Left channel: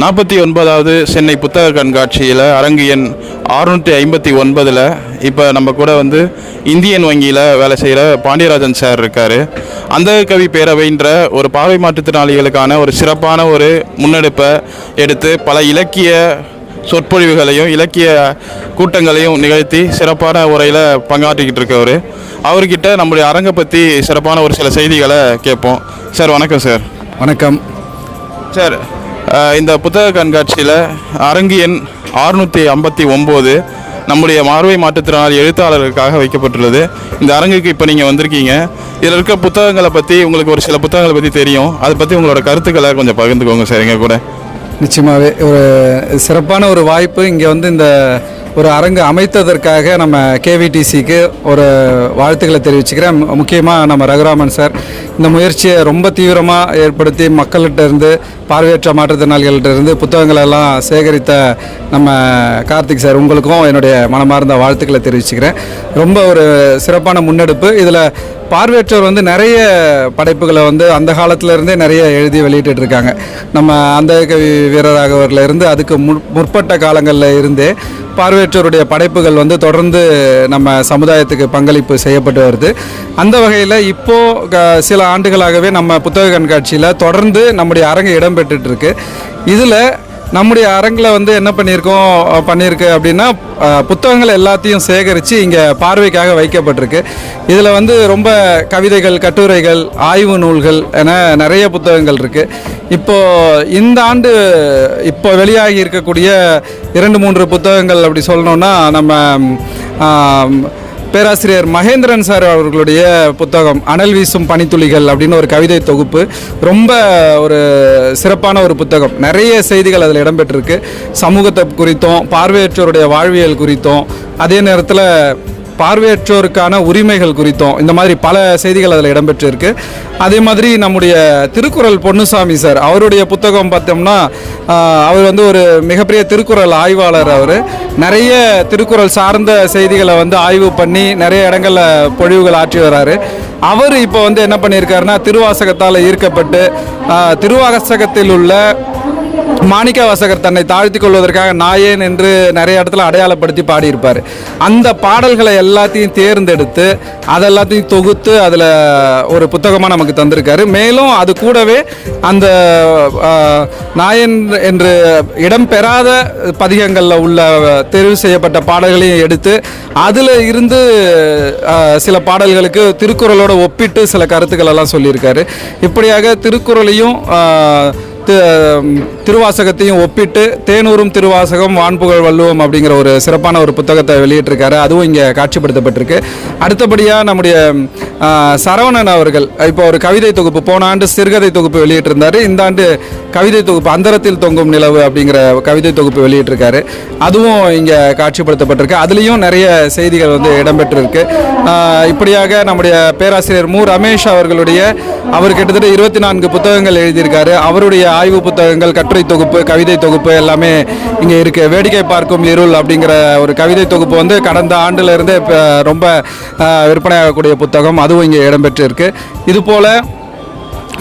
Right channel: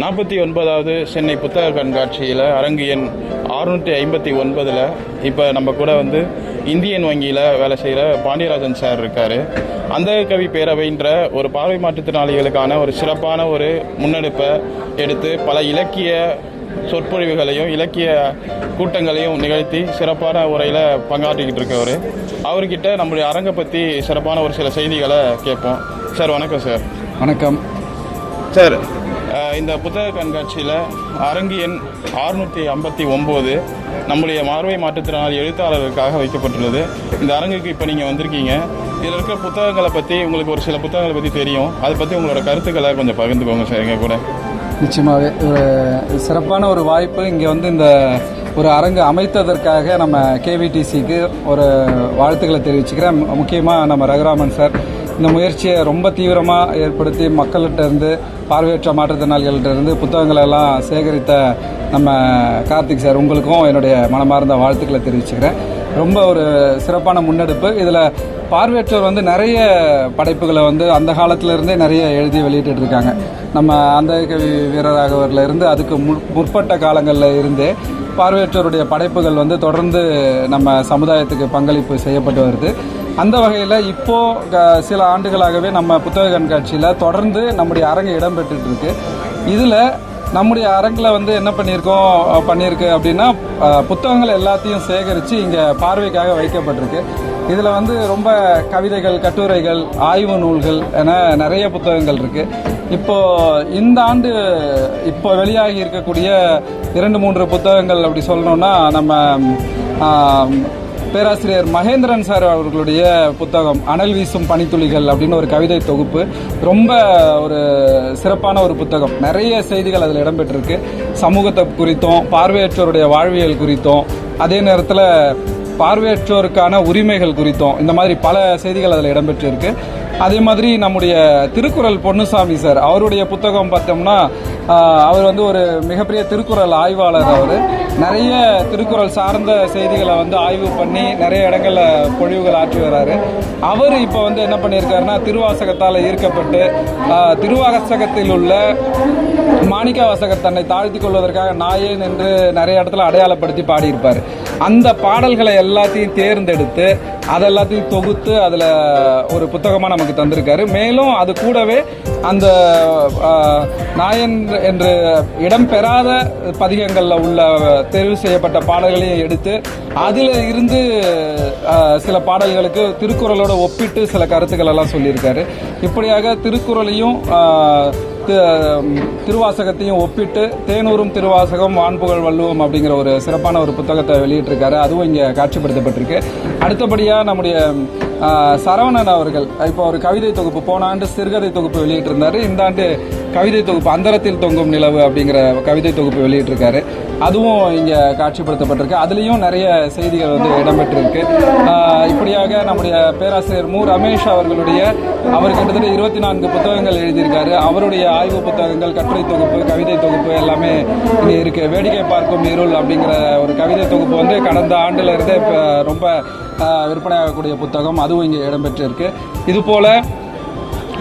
49வது சென்னை புத்தக கண்காட்சியில் அரங்கு எண் 659 இப்போ நம்ம கூட வந்து இந்தியன் வங்கியில் வேலை செய்கிற பாண்டியராஜன் சார் இருக்கார். அந்த கவி பேரவைன்ற ஒரு பார்வை மாற்றுத்திறனாளிகளுக்கான ஒரு சிறப்பான ஒரு முன்னெடுப்பை எடுத்து பல இலக்கிய சொற்பொழிவுகளையும் இலக்கிய கூட்டங்களையும் நிகழ்த்தி சிறப்பான உரையில் பங்காற்றிக்கிட்டு இருக்கவர். அவர்கிட்ட நம்முடைய அரங்கை பற்றி சிறப்பான ஒரு சில செய்திகளை கேட்போம். சார் வணக்கம். சார் வணக்கம். சார், இந்த புத்தக கண்காட்சியில் அரங்கு எண் 659 நம்முடைய பார்வை மாற்றுத்திறனாளி எழுத்தாளர்களுக்காக வைக்கப்பட்டுள்ளது. இந்த அரங்குக்கு இப்போ நீங்கள் வந்திருக்கீங்க. இதில் இருக்க புத்தகங்களை பற்றி உங்களுக்கு ஒரு சில புத்தகங்களை பற்றி தெரியும். அதை பற்றி உங்களோட கருத்துக்களை கொஞ்சம் பகிர்ந்துக்கோங்க சார் எங்கள் கூட. நிச்சயமாகவே ஒரு சிறப்பான ஒரு வாய்ப்பு. இங்கே வந்து இந்த ஒரு அரங்கு அமைத்ததற்காக நம்ம கேவிடிசிக்கு ஒரு வாழ்த்துக்களை தெரிவிச்சுக்கிறேன். முக்கியமாக நம்ம ரகுராமன் சார் இந்த முயற்சியை ரொம்ப தீவிரமாக ஏற்படுத்தி மக்கள்கிட்ட இருந்து பார்வையற்ற மாற்றுத்திறனாளிகள்கிட்ட இருந்து புத்தகங்களெல்லாம் சேகரித்த நம்ம கார்த்திக் சார், உங்களுக்கும் என்னுடைய மனமார்ந்த வாழ்த்துக்களை தெரிவிச்சுக்கிறேன். ரொம்ப ஒரு சிறப்பான முன்னெடுப்பு. இதில் பார்வையற்றோர் வந்து நிறைய படைப்புகளை வந்து அந்த காலத்திலேருந்தே நிறைய எழுதி வெளியிட்டு இருக்காங்க. நம்ம அந்த கவி வீரராகவர்லேருந்து அதுக்கு முற்பட்ட காலங்களில் இருந்தே பார்வையற்றோருடைய படைப்புகள் வந்து தொடர்ந்து நம்ம சமுதாயத்துக்கு பங்களிப்பு செய்யப்பட்டு வருது. அந்த வகையில் இப்போது சில ஆண்டுகளாகவே நம்ம புத்தக கண்காட்சியில் தொடர்ந்து நம்முடைய அரங்கு இடம்பெற்றுருக்கு. இதில் நம்முடைய அரங்கில் வந்து என்ன பண்ணியிருக்கு அப்படின்னா, புத்தகங்கள் எல்லாத்தையும் சேகரித்து இங்கே பார்வைக்காக வைக்கப்பட்டிருக்கு. இதில் வந்து ரொம்ப கவிதைகள், கட்டுரைகள், ஆய்வு நூல்கள் என நிறைய புத்தகங்கள் இருக்குது. இப்போது இந்த ஆண்டு இப்போ வெளியாகி இருக்கக்கூடிய 2-3 புத்தகங்கள் அப்படி சொல்லணுன்னா, நம்ம பேராசிரியர் மகேந்திரன் சார் அவர்களுடைய புத்தகம் அனல் வீசும் பனித்துளிகள் அப்படின்னு ஒரு கவிதை தொகுப்பு. ரொம்ப ஒரு சிறப்பான ஒரு புத்தகம். நிறைய செய்திகள் அதில் இடம்பெற்றிருக்கு. சமூகத்தை குறித்தும் பார்வையற்றோருடைய வாழ்வியல் குறித்தும், அதே நேரத்தில் பார்வையற்றோருக்கான உரிமைகள் குறித்தும் இந்த மாதிரி பல செய்திகள் அதில் இடம்பெற்றிருக்கு. அதே மாதிரி நம்முடைய திருக்குறள் பொன்னுசாமி சார் அவருடைய புத்தகம் பார்த்தோம்னா, அவர் வந்து ஒரு மிகப்பெரிய திருக்குறள் ஆய்வாளர். அவர் நிறைய திருக்குறள் சார்ந்த செய்திகளை வந்து ஆய்வு பண்ணி நிறைய இடங்களில் பொழிவுகள் ஆற்றி வர்றாரு. அவர் இப்போ வந்து என்ன பண்ணியிருக்காருன்னா, திருவாசகத்தால் ஈர்க்கப்பட்டு திருவாசகத்தில் உள்ள மாணிக்க வாசகர் தன்னை தாழ்த்தி கொள்வதற்காக நாயேன் என்று நிறைய இடத்துல அடையாளப்படுத்தி பாடியிருப்பார். அந்த பாடல்களை எல்லாத்தையும் தேர்ந்தெடுத்து அதெல்லாத்தையும் தொகுத்து அதில் ஒரு புத்தகமாக நமக்கு தந்திருக்காரு. மேலும் அது கூடவே அந்த நாயன் என்று இடம்பெறாத பதிகங்களில் உள்ள தெரிவு செய்யப்பட்ட பாடல்களையும் எடுத்து அதில் இருந்து சில பாடல்களுக்கு திருக்குறளோடு ஒப்பிட்டு சில கருத்துக்கள் எல்லாம் சொல்லியிருக்காரு. இப்படியாக திருக்குறளையும் திருவாசகத்தையும் ஒப்பிட்டு தேனூரும் திருவாசகம் வான்புகழ் வள்ளுவம் அப்படிங்கிற ஒரு சிறப்பான ஒரு புத்தகத்தை வெளியிட்டிருக்காரு. அதுவும் இங்கே காட்சிப்படுத்தப்பட்டிருக்கு. அடுத்தபடியாக நம்முடைய சரவணன் அவர்கள் இப்போ ஒரு கவிதை தொகுப்பு, போன ஆண்டு சிறுகதை தொகுப்பு வெளியிட்டிருந்தார். இந்த ஆண்டு கவிதை தொகுப்பு அந்தரத்தில் தொங்கும் நிலவு அப்படிங்கிற கவிதை தொகுப்பு வெளியிட்டிருக்காரு. அதுவும் இங்கே காட்சிப்படுத்தப்பட்டிருக்கு. அதுலேயும் நிறைய செய்திகள் வந்து இடம்பெற்றிருக்கு. இப்படியாக நம்முடைய பேராசிரியர் மு ரமேஷ் அவர்களுடைய அவர் கிட்டத்தட்ட 24 புத்தகங்கள் எழுதியிருக்காரு. அவருடைய ஆய்வு புத்தகங்கள், கட்டுரை தொகுப்பு, கவிதை தொகுப்பு எல்லாமே இங்கே இருக்குது. வேடிக்கை பார்க்கும் இருள் அப்படிங்கிற ஒரு கவிதை தொகுப்பு வந்து கடந்த ஆண்டிலிருந்து ரொம்ப விற்பனையாகக்கூடிய புத்தகம், அதுவும் இங்கே இடம்பெற்றிருக்கு. இதுபோல்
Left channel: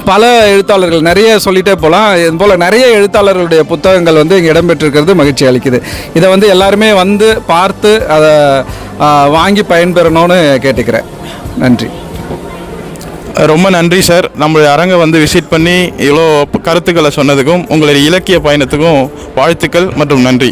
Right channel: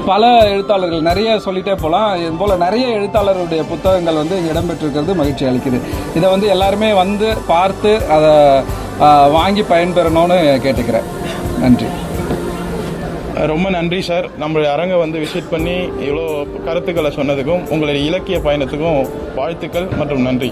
பல எழுத்தாளர்கள் நிறைய சொல்லிட்டே போகலாம். இதுபோல் நிறைய எழுத்தாளர்களுடைய புத்தகங்கள் வந்து இங்கே இடம்பெற்றிருக்கிறது மகிழ்ச்சி அளிக்குது. இதை வந்து எல்லாருமே வந்து பார்த்து அதை வாங்கி பயன்பெறணும்னு கேட்டுக்கிறேன். நன்றி. ரொம்ப நன்றி சார். நம்மளுடைய அரங்கை வந்து விசிட் பண்ணி இவ்வளோ கருத்துக்களை சொன்னதுக்கும் உங்களுடைய இலக்கிய பயணத்துக்கும் வாழ்த்துக்கள் மற்றும் நன்றி.